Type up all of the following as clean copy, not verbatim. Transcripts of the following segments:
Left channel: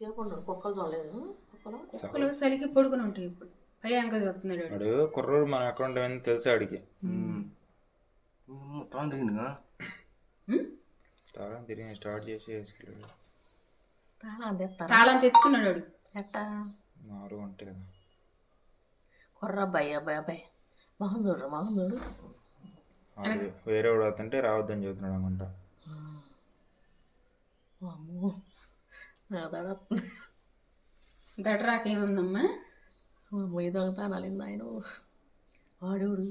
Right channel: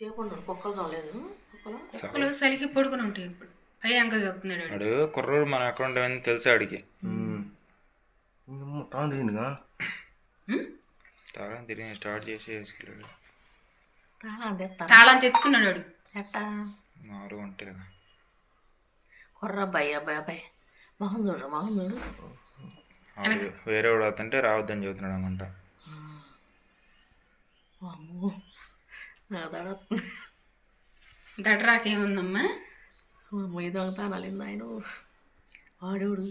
చేయకుండా కుక్కలు చూడలేదు కుక్కలు చలికి పడుకుని ఉంటాయి. ఇప్పుడు భయంగా చెప్తున్నాడు వాడు కుర్రోడు మన అకౌంట్ అని తెలుసు ఆడికి. తాళం తిరిగి స్టార్ట్ చేసి వేసుకెళ్ళాడు. తాళం తెచ్చుకున్నాడు వాడు. ఎట్టా మారు అంటే కుర్ర అబ్బాయి అబ్బాయి మొహం చూడు మొహం చూడు. వేరే వాడు అవుతుంటే రావద్దని చెబుతున్నాడు అనుకుంటా. అమ్మో దడరాకేముందమ్మా? మొయ్యి దొంగతాను అలింది ఆయన వాడేవాడు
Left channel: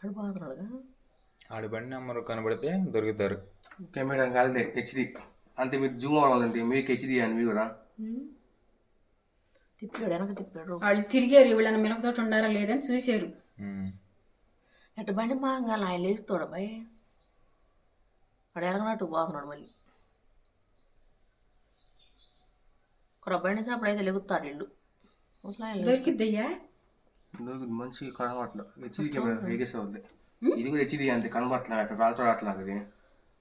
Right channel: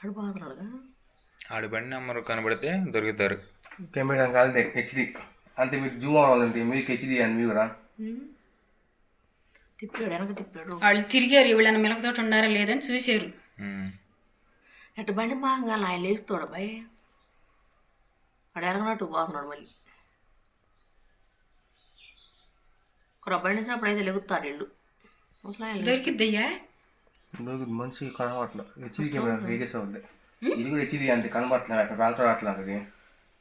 అడిపోతున్నాడుగా. ఆడి బండి నెంబర్ కనబడితే దొరుకుతారు. కెమెరా కాదు హెచ్డి అంటే మీకు జూమ్ అవ్వాలంటే మీకు హెచ్డి అని మీరు కూడా తిప్పాడు వెనక తిప్పాడు. వాళ్ళు తిరిగారు, వీళ్ళని మిలకతోటి ఉన్నారా లేదని చూశారు. ఎట్ట బండి మాంగాలి ఆయన లేస్తాడు అబ్బాయి. వాడు ఎరగనట్టు పోతున్నాడు మళ్ళీ. ఒక బండి వచ్చినప్పుడు అయితే లెగుతారు ఇల్లు. దొరికిద్దయ్యా మంచి కనబట్ల హెచ్డి కెమెరా వేగేసి అవుతుంది. ఇది కూడా హెచ్డి అంటే కనబట్ల రాత్రి అట్లా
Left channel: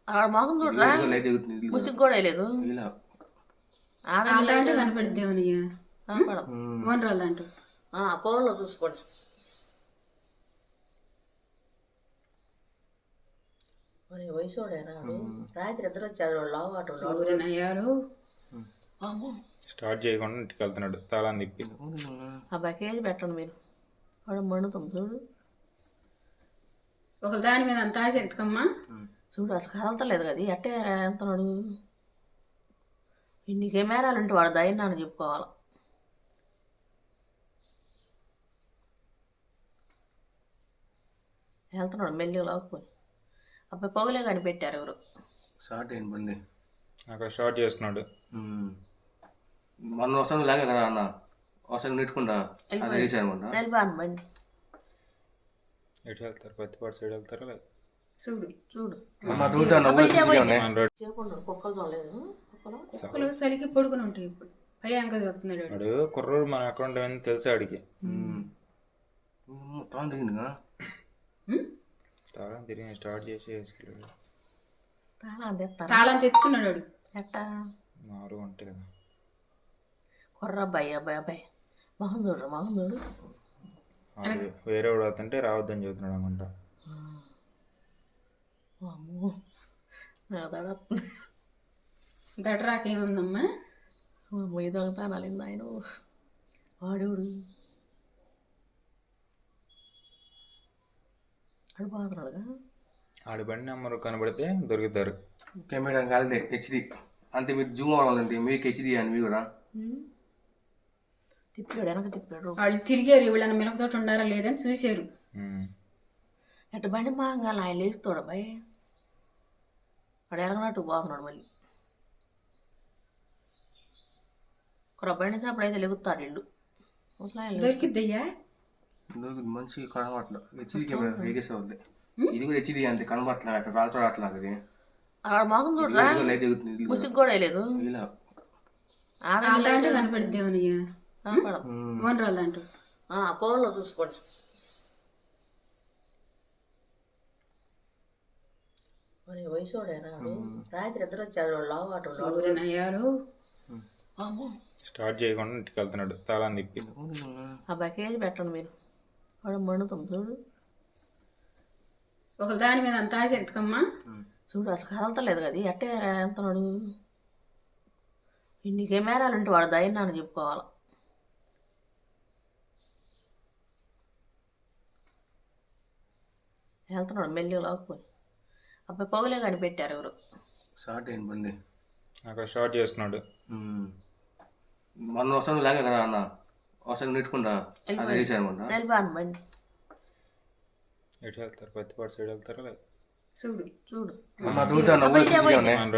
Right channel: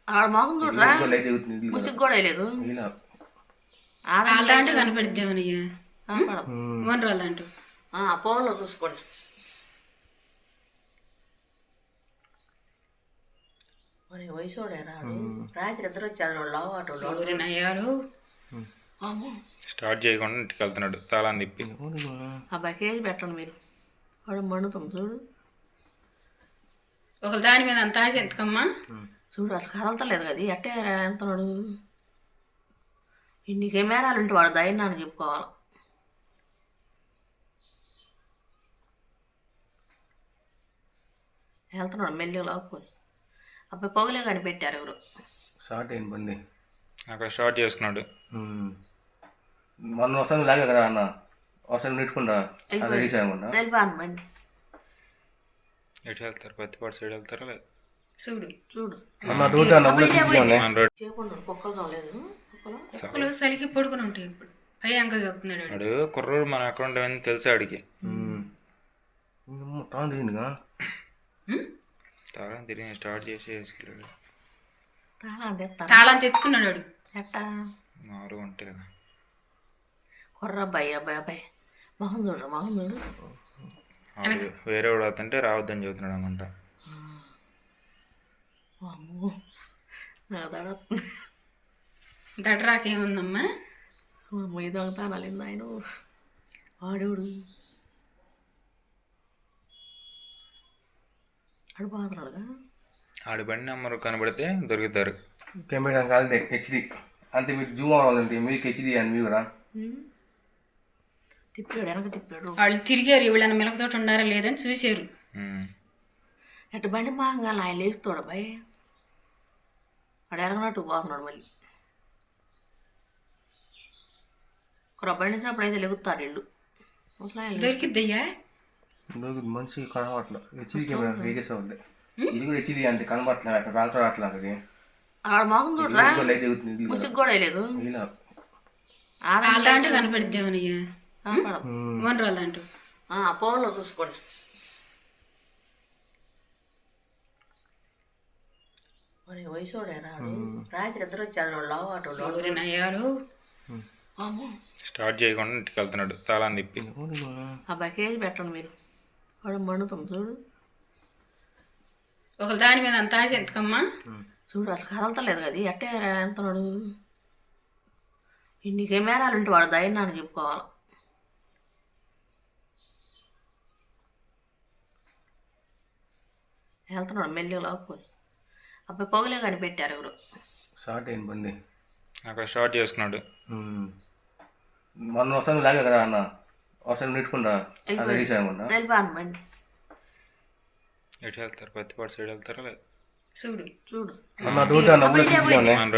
ఆడ మొహం చూడరా లైట్ ఎగుతుంది. ముసుగు కూడా వేయలేదు. ఆడదాంటూ కనపడిద్దామనయ్యా ఓనరాళ్ళంటూ ఫోన్లో చూసుకోండి. మరి వయసోడే రాడు. రాత్రి ఇద్దరు వచ్చారు లావాటోళ్ళు. అయ్యారు స్టార్ట్ చేయకుండా ఇంటికి వెళ్తున్నాడు తాళం తిప్పి. ఆ బకేజ్ పెట్టండి మీరు. వాడు మండుతుంది చూడు. ఒక దాని మీద అంత ఆశ ఎంతకమ్మా? చూడు అసలు కదలతలేదు కదా ఎట్టే ఎంతనాడు. ఇన్ని కెమెరాలు ఉంటే వాడు ధైర్యాన్ని చెప్పుకోవాలి. వెళ్తున్నాడు మెల్లి లాక్కుని. అబ్బాయి పొగలే కానీ పెట్టారు ఎవరు. షార్ట్ అయిన బండి అక్కడ షార్ట్ చేసుకున్నాడు. మొన్న వస్తాను లాగా కదా అన్న వస్తాను నెట్టుకుంటా అనుకుంటా వెళ్ళిపోను బండి. ఎటు వెళ్తారు? పత్తిపాటు సైడ్ వెళ్తారా? లేదు చూడు చూడు చేయకుండా కుక్కలు చూడలేదు. కుక్కలు చలికి పడుకుని ఉంటాయి. ఇప్పుడు భయంగా చెప్తున్నాడు వాడు కుర్రోడు మన అకౌంట్ అని తెలుసు ఆడికి. తాళం తిరిగి స్టార్ట్ చేసి వేసుకెళ్ళాడు. తాళం తెచ్చుకున్నాడు వాడు. ఎట్టా మారు అంటే కుర్ర అబ్బాయి అబ్బాయి మొహం చూడు మొహం చూడు. వేరే వాడు అవుతుంటే రావద్దని చెబుతున్నాడు అనుకుంటా. అమ్మో దడరాకేముందమ్మా? మొయ్యి దొంగతాను అలింది ఆయన వాడేవాడు అడిపోతున్నాడుగా. ఆడి బండి నెంబర్ కనబడితే దొరుకుతారు. కెమెరా కాదు హెచ్డి అంటే మీకు జూమ్ అవ్వాలంటే మీకు హెచ్డి అని మీరు కూడా తిప్పాడు వెనక తిప్పాడు. వాళ్ళు తిరిగారు, వీళ్ళని మిలకతోటి ఉన్నారా లేదని చూశారు. ఎట్ట బండి మాంగాలి ఆయన లేస్తాడు అబ్బాయి. వాడు ఎరగనట్టు పోతున్నాడు మళ్ళీ. ఒక బండి వచ్చినప్పుడు అయితే లెగుతారు ఇల్లు. దొరికిద్దయ్యా మంచి కనబట్ల హెచ్డి కెమెరా వేగేసి అవుతుంది. ఇది కూడా హెచ్డి అంటే కనబట్ల రాత్రి అట్లా ఆడ మొహం చూడరా లైట్ ఎగుతుంది. ముసుగు కూడా వేయలేదు. ఆడదాంటూ కనపడిద్దామనయ్యా ఓనరాళ్ళంటూ ఫోన్లో చూసుకోండి. మరి వయసోడే రాడు. రాత్రి ఇద్దరు వచ్చారు లావాటోళ్ళు. అయ్యారు స్టార్ట్ చేయకుండా ఇంటికి వెళ్తున్నాడు తాళం తిప్పి. ఆ బకేజ్ పెట్టండి మీరు. వాడు మండుతుంది చూడు. ఒక దాని మీద అంత ఆశ ఎంతకమ్మా? చూడు అసలు కదలతలేదు కదా ఎట్టే ఎంతనాడు. ఇన్ని కెమెరాలు ఉంటే వాడు ధైర్యాన్ని చెప్పుకోవాలి. వెళ్తున్నాడు మెల్లి లాక్కుని. అబ్బాయి పొగలే కానీ పెట్టారు ఎవరు. షార్ట్ అయిన బండి అక్కడ షార్ట్ చేసుకున్నాడు. మొన్న వస్తాను లాగా కదా అన్న వస్తాను నెట్టుకుంటా అనుకుంటా వెళ్ళిపోను బండి. ఎటు వెళ్తారు? పత్తిపాటు సైడ్ వెళ్తారా? లేదు చూడు చూడు అన్న